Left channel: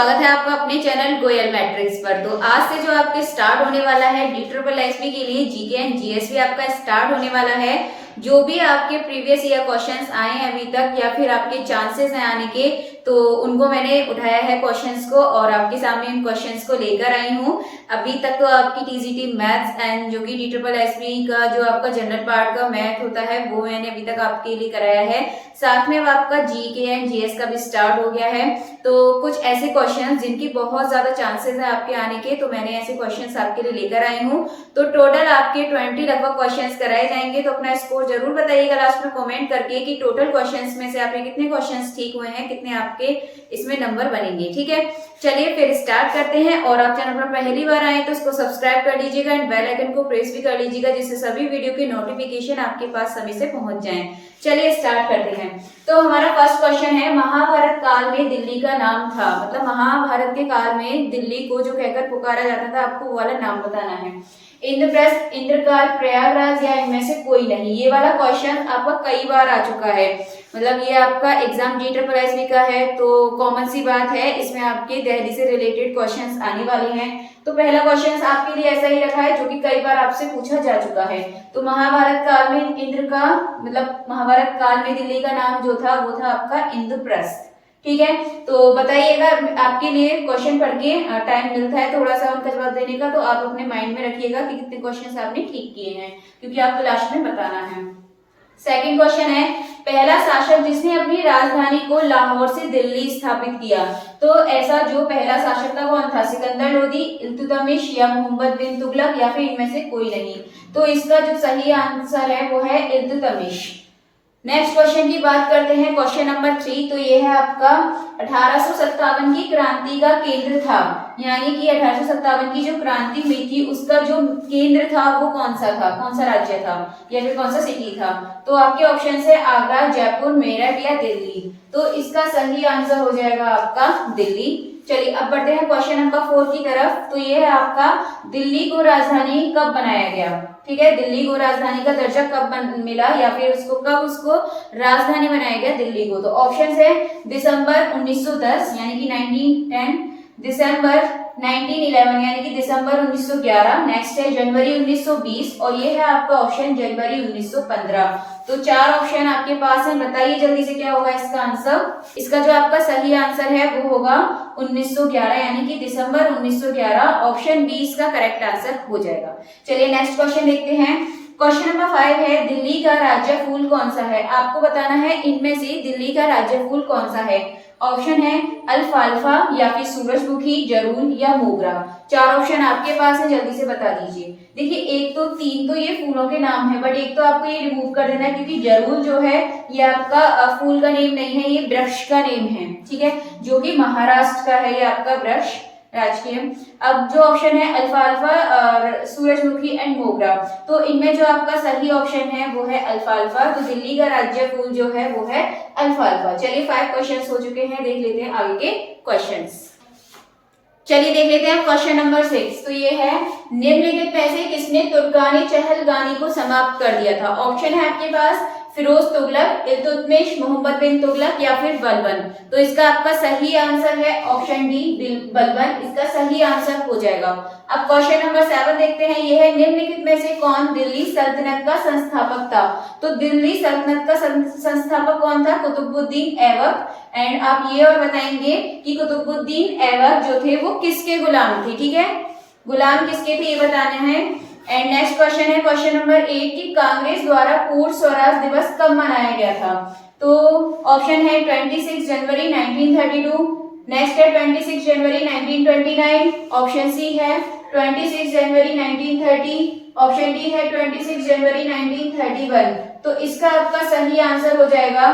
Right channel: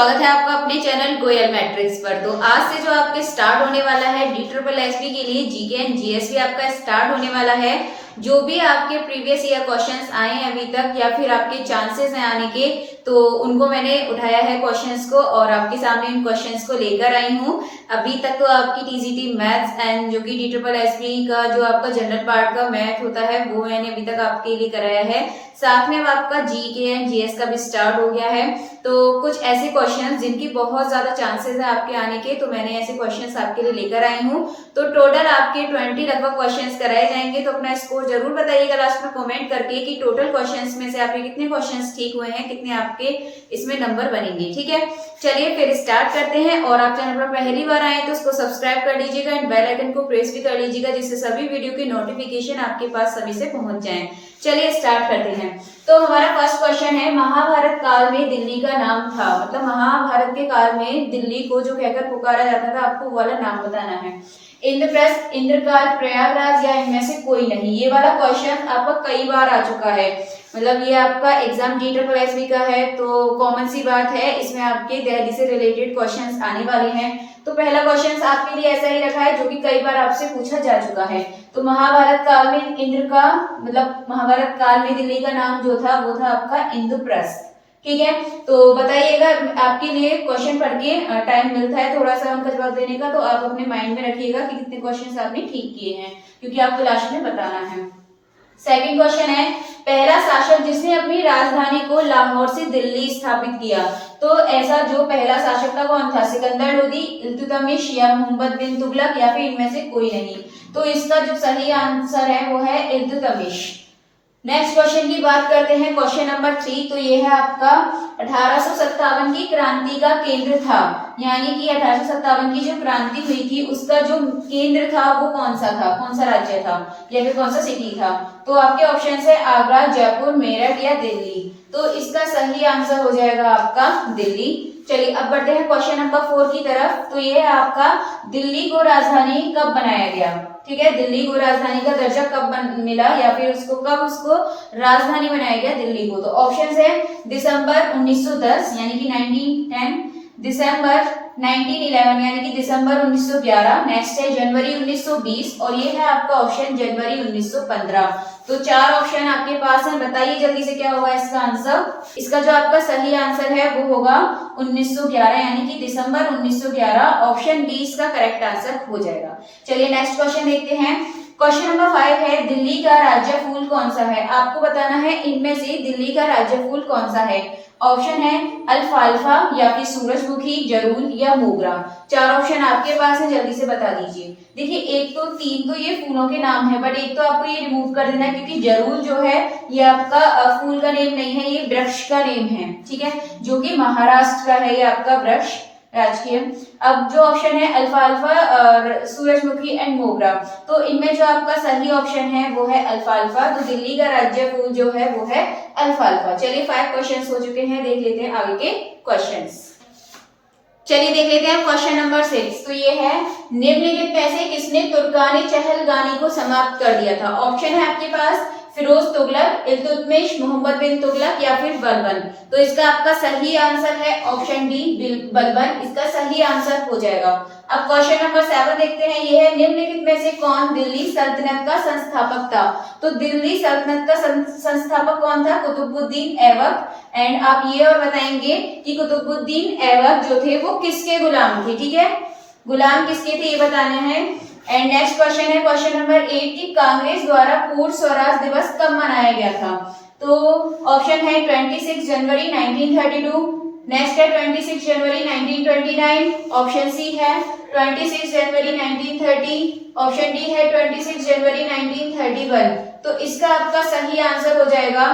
स्वागत है आपका अपने चैनल गोयल मैट्रिक्स पर। तो आज से जो आपके स्टार्ट होने वाला है DSSB के लिए जीके एंड जीएस भी आपका स्टार्ट होने वाला है। जो भी आपके प्रीवियस ईयर क्वेश्चंस आए हैं अभी तक या फिर आपके चांसेस हैं आने के, तो उनको मैंने उठाया है क्वेश्चंस को और आपके सामने इन क्वेश्चंस को लेकर आई हूँ। अभी तक तो आपकी टीजीटी मैथ्स एंड जो कि DSSB का जो आपका जनरल पार्ट का मैथ होता है वो मैंने अभी तक आपके लिए कराया है। साथ में अब आपका जीके एंड जीएस का भी स्टार्ट हो गया है। तो कुछ ऐसे क्वेश्चंस जिनकी बहुत ज्यादा चांसेस है आपके आने के, तो मैंने ऐसे क्वेश्चंस आपके लिए लेकर आई हूँ। तो टोटल आपके 20 लगभग क्वेश्चंस कराए जाएंगे। तो अपना स्कोर जरूर बताइएगा लास्ट में कमेंट करके कि टोटल क्वेश्चंस में से आपके कितने क्वेश्चंस ठीक हुए हैं, कितने आपके इसमें नंबर बनेंगे। ठीक है, चलिए फिर स्टार्ट करते हैं। और आप चैनल पर पहली बार आए तो उसको सब्सक्राइब कर लीजिएगा एंड बेल आइकन को प्रेस भी कर लीजिएगा, जिससे सभी वीडियो की नोटिफिकेशन आपके पास समय से पहुंच जाए। चलिए स्टार्ट करते हैं। तो हमारा फर्स्ट क्वेश्चन है, महाभारत काल में दिल्ली का नाम था, मतलब महाभारत के काल में दिल्ली को जो कहकर पुकारा जाता था, आपको वो वाला नाम बताना है। इंद्रप्रस्थ, इंद्रकाल, प्रयागराज या इनमें से कोई नहीं। ये वाला क्वेश्चन आपका कई बार आ चुका है, मतलब ये आपका एग्जाम DSSB का है तो कॉमन सी बात है, इसमें आपके दिल्ली से रिलेटेड क्वेश्चंस आने वाले हैं। तो पहला क्वेश्चन आपके लिए ऐसा ही रखा है जो कि कई बार आपसे पूछा जा चुका है। तो महाभारत काल में इंद्र का मतलब महाभारत काल में दिल्ली का नाम जो था वो था आपका इंद्रप्रस्थ। ठीक है, तो बताइएगा, आपके लिए क्वेश्चन पढ़ के टाइम मिलता है थोड़ा सा उनका जवाब देने का, तो आप अपने माइंड में रखिएगा कि कितने क्वेश्चंस आपने ठीक किए हैं, क्योंकि आपको लास्ट में बताना है। सेकंड क्वेश्चन है, पहला शासक जिसने अपनी राजधानी को लाहौर से दिल्ली स्थापित किया। तो ऐसा जो पहला शासक था कौन था? सिकंदर लोदी, इल्तुतमिश या मोहम्मद बिन तुगलक या फिर इनमें से कोई नहीं। तो इसका जो सही आंसर है वो है इल्तुतमिश। नेक्स्ट क्वेश्चन की बात करते हैं, क्वेश्चन नंबर 3। तो ये है आपका 1857 की क्रांति का केंद्र था, यानी कि 1857 की जो क्रांति हुई थी उसका जो केंद्र था वो कौन सा था, कौन सा राज्य था या फिर कौन सा सिटी था? तो आपके ऑप्शन है आगरा, जयपुर, मेरठ या दिल्ली। तो इसका सही आंसर हो जाएगा आपका दिल्ली। चलिए अब बढ़ते हैं क्वेश्चन नंबर 4 की तरफ। तो ये है आपका दिल्ली को राजधानी कब बनाया गया? ठीक है, दिल्ली को राजधानी का दर्जा कब मिला या फिर उसको राजधानी बनाया गया दिल्ली को? तो ऑप्शन है दिसंबर 1910 यानी कि 1910, दिसंबर 1911 यानी कि दिसंबर 1911, नेक्स्ट है जनवरी 1920 और ये है आपका ऑप्शन जनवरी 1915। तो 4 ऑप्शन आपके पास हैं, बताइए जल्दी से क्या होगा इसका आंसर। इसका जो आपका सही आंसर है वो होगा 1911 यानी कि दिसंबर 1911। ऑप्शन बी इसका करेक्ट आंसर हो जाएगा। चलिए नेक्स्ट क्वेश्चन देखते हैं। क्वेश्चन नंबर 5 है, दिल्ली का राज्य फूल कौन सा है? आपको बताना है इनमें से दिल्ली का राज्य फूल कौन सा है। ऑप्शन है अल्फाल्फा या फिर सूरजमुखी, जरूल या मोगरा। 4 ऑप्शन आपके पास है, जल्दी से बता दीजिए। देखिए 1 तो 3 तो ये फूलों के नाम है, बट एक तो आपको ये रिमूव कर देना है क्योंकि जरूल जो है ये आपका फूल का नेम नहीं है, ये वृक्ष का नेम है। ठीक है, जो कि महाराष्ट्र का है ये आपका वृक्ष राजकीय। अब जो ऑप्शन है अल्फाल्फा और सूरजमुखी एंड मोगरा, तो इनमें जो आपका सही ऑप्शन है वो है अल्फाल्फा। तो दिल्ली का राज्य फूल जो है वो है अल्फाल्फा। चलिए 5 क्वेश्चंस हो चुके हैं, देख लेते हैं आगे के क्वेश्चंस। चलिए देख लेते हैं क्वेश्चन नंबर 6। तो ये है, निम्नलिखित में से किसने तुर्कानी चहलगानी को समाप्त कर दिया था? ऑप्शन है आपके पास फिरोज तुगलक, इल्तुतमिश, मोहम्मद बिन तुगलक या फिर बलबन। तो इसका आपका सही आंसर है ऑप्शन डी बलबन, इसका सही आंसर हो जाएगा। अब क्वेश्चन नंबर 7 देखते हैं। ये है, निम्नलिखित में से कौन दिल्ली सल्तनत का संस्थापक था? तो दिल्ली सल्तनत का संस्थापक कौन था? कुतुबुद्दीन ऐबक। एंड आप ये और बताएंगे कि कुतुबुद्दीन ऐबक जो थे वो किसके गुलाम थे? ठीक है, गुलाम किसके थे ये बताने हैं। एंड नेक्स्ट क्वेश्चन है क्वेश्चन नंबर 8 की कांग्रेस द्वारा पूर्ण स्वराज दिवस कब मनाया गया था? तो ऑप्शन है 26 जनवरी 1932, नेक्स्ट है 26 जनवरी 1929, ऑप्शन सी है 26 जनवरी 1930, ऑप्शन डी है 26 जनवरी 1931। तो इसका आपका सही आंसर हो जाएगा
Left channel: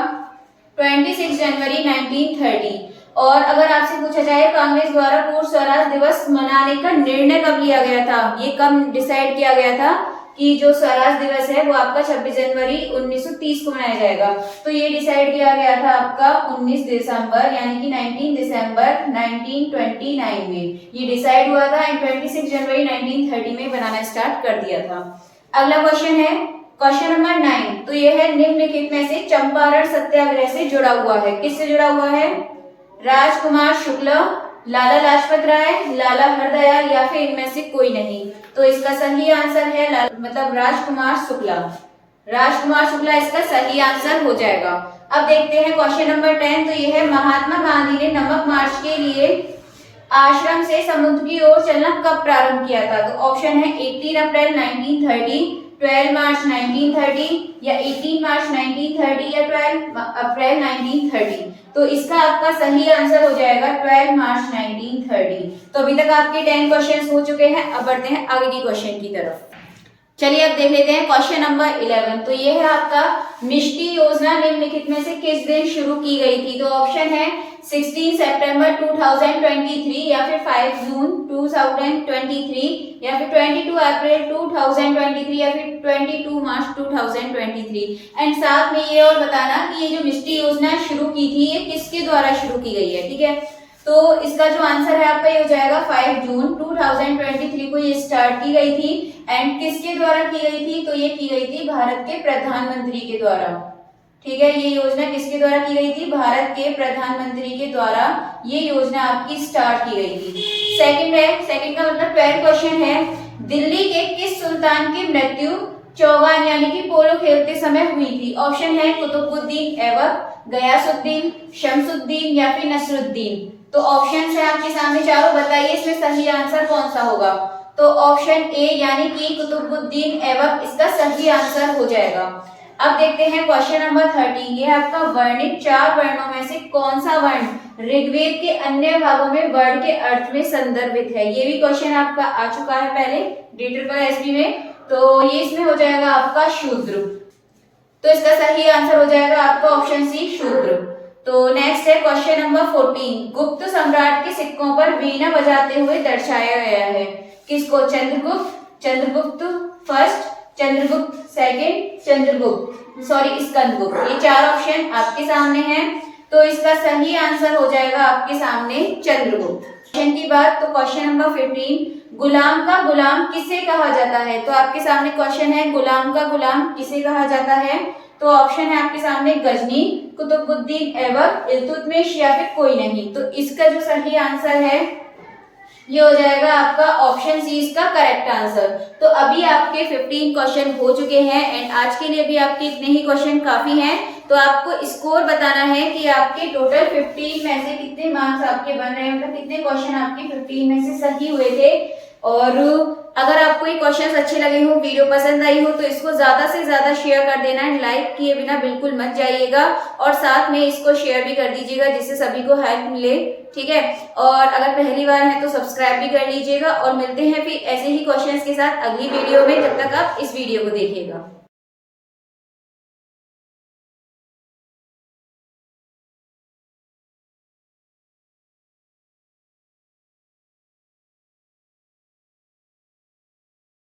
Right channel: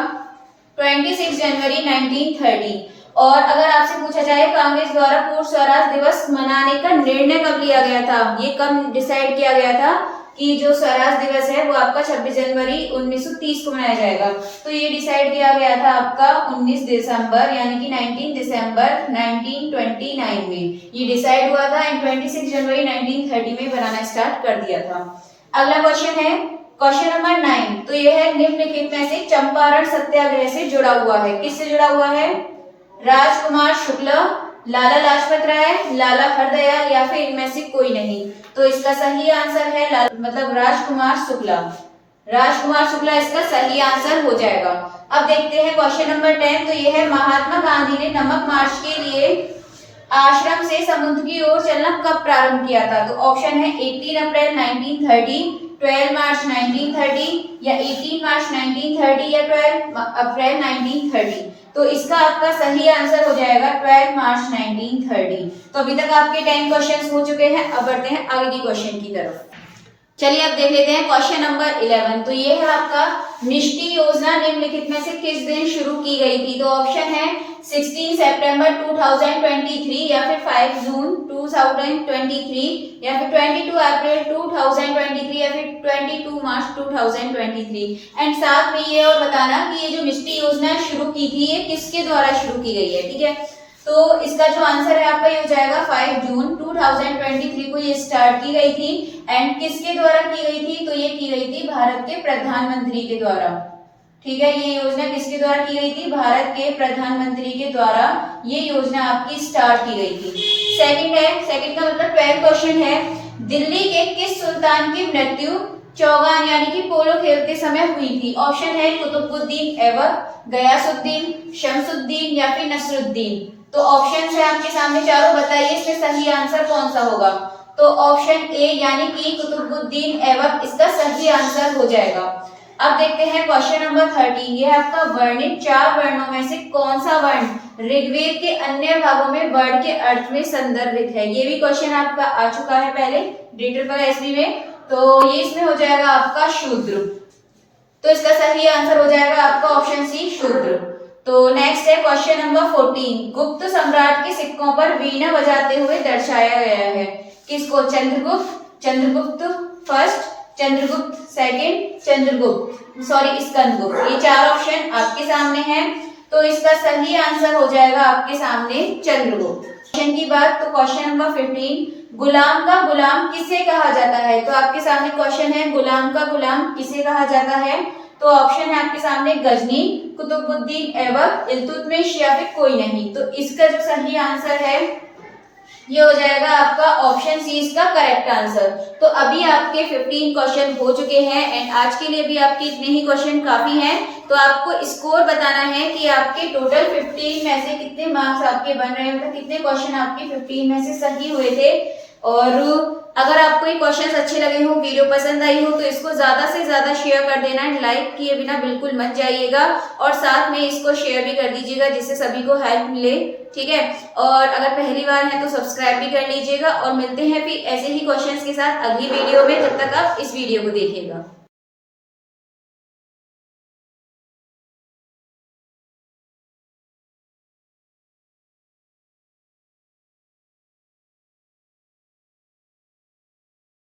26 जनवरी 1930। और अगर आपसे पूछा जाए कांग्रेस द्वारा पूर्ण स्वराज दिवस मनाने का निर्णय कब लिया गया था, ये कब डिसाइड किया गया था कि जो स्वराज दिवस है वो आपका 26 जनवरी 1930 को मनाया जाएगा? तो ये डिसाइड किया गया था आपका 19 दिसंबर यानी कि 19 दिसंबर 1929 में ये डिसाइड हुआ था एंड 26 जनवरी 1930 में बनाना स्टार्ट कर दिया था। अगला क्वेश्चन है क्वेश्चन नंबर 9। तो ये है, निम्नलिखित में से चंपारण सत्याग्रह से जुड़ा हुआ है, किससे जुड़ा हुआ है? राजकुमार शुक्ल, लाला लाजपत राय, लाला हरदयाल या फिर इनमें से कोई नहीं। तो इसका सही आंसर है मतलब राजकुमार शुक्ला। राजकुमार शुक्ला इसका सही आंसर हो जाएगा। अब देखते हैं क्वेश्चन नंबर 10। तो यह है महात्मा गांधी ने नमक मार्च के लिए आश्रम से समुद्र की ओर चलना कब प्रारंभ किया था? तो ऑप्शन है 18 अप्रैल 1930, 12 मार्च 1930 या 18 मार्च 1930 या 12 अप्रैल 1930। तो इसका आपका सही आंसर हो जाएगा 12 मार्च 1930। तो अभी तक आपके 10 क्वेश्चंस हो चुके हैं। अब बढ़ते हैं आगे की क्वेश्चन की तरफ। चलिए अब देख लेते हैं क्वेश्चन नंबर 11। तो ये है आपका मिष्टी योजना निम्नलिखित में से किस दिन शुरू की गई थी? तो ऑप्शन है 16 सितंबर 2023 या फिर 5 जून 2023 या फिर 22 अप्रैल 2023 या फिर 22 मार्च 2023। एंड साथ में ये और बताना कि ये जो मिष्टी योजना शुरू की थी ये किसके द्वारा शुरू की गई है, ठीक है। तो इसका जो आंसर है आपका ये हो जाएगा 5 जून 2023 को ये स्टार्ट की गई थी। एंड किसके द्वारा की गई थी? तो ये की गई थी भारत के प्रधानमंत्री के द्वारा, ठीक है। ये योजना किसके द्वारा की गई थी? भारत के प्रधानमंत्री के द्वारा ये योजना आपकी स्टार्ट की गई थी। सेकंड है, सेकंड का मतलब 12 क्वेश्चन है, दिल्ली के किस सुल्तान की मृत्यु चौगान यानी कि पोलो खेलते समय हुई थी? ऑप्शन है कुतुबुद्दीन ऐबक, गयासुद्दीन, शमसुद्दीन या फिर नसरुद्दीन। तो ऑप्शन है आपके सामने चारों, बताइए इसमें सही आंसर कौन सा होगा? तो ऑप्शन ए यानी कि कुतुबुद्दीन ऐबक इसका सही आंसर हो जाएगा। अब देखते हैं क्वेश्चन नंबर 13। ये आपका वर्णित 4 वर्णों में से कौन सा वर्ण ऋग्वेद के अन्य भागों में वर्ण के अर्थ में संदर्भित है? ये भी क्वेश्चन आपका आ चुका है पहले DSSB में। तो ये इसमें हो जाएगा आपका शूद्र। तो इसका सही आंसर हो जाएगा आपका ऑप्शन सी शूद्र। तो नेक्स्ट है क्वेश्चन नंबर 14। गुप्त सम्राट के सिक्कों पर वीणा बजाते हुए दर्शाया गया है, किसको? Chandragupta, Chandragupta first, Chandragupta second, Skandagupta. ये 4 ऑप्शन आपके सामने हैं। तो इसका सही आंसर हो जाएगा आपके सामने चंद्रगुप्त। क्वेश्चन की बात, तो क्वेश्चन नंबर 15, गुलाम का गुलाम किसे कहा जाता है? तो आपके सामने क्वेश्चन है गुलाम का गुलाम किसे कहा जाता है? तो ऑप्शन है आपके सामने गजनी, कुतुबुद्दीन ऐबक, इल्तुतमिश या फिर कोई नहीं। तो इसका जो सही आंसर है ये हो जाएगा आपका ऑप्शन सी इसका करेक्ट आंसर। तो अभी आपके 15 क्वेश्चन हो चुके हैं एंड आज के लिए भी आपके इतने ही क्वेश्चन काफी हैं। तो आपको स्कोर बताना है कि आपके टोटल 15 में से कितने मार्क्स आपके बन रहे हैं, मतलब कितने क्वेश्चन आपके 15 में से सही हुए थे। और अगर आपको ये क्वेश्चंस अच्छे लगे हो, वीडियो पसंद आई हो, तो इसको ज्यादा से ज्यादा शेयर कर देना है, लाइक किए बिना बिल्कुल मत जाइएगा और साथ में इसको शेयर भी कर दीजिएगा जिससे सभी को हेल्प मिले, ठीक है। और अगर पहली बार है तो सब्सक्राइब भी कर लीजिएगा और मिलते हैं फिर ऐसे ही क्वेश्चंस के साथ अगली वीडियो में। जब तक आप इस वीडियो को देखिएगा।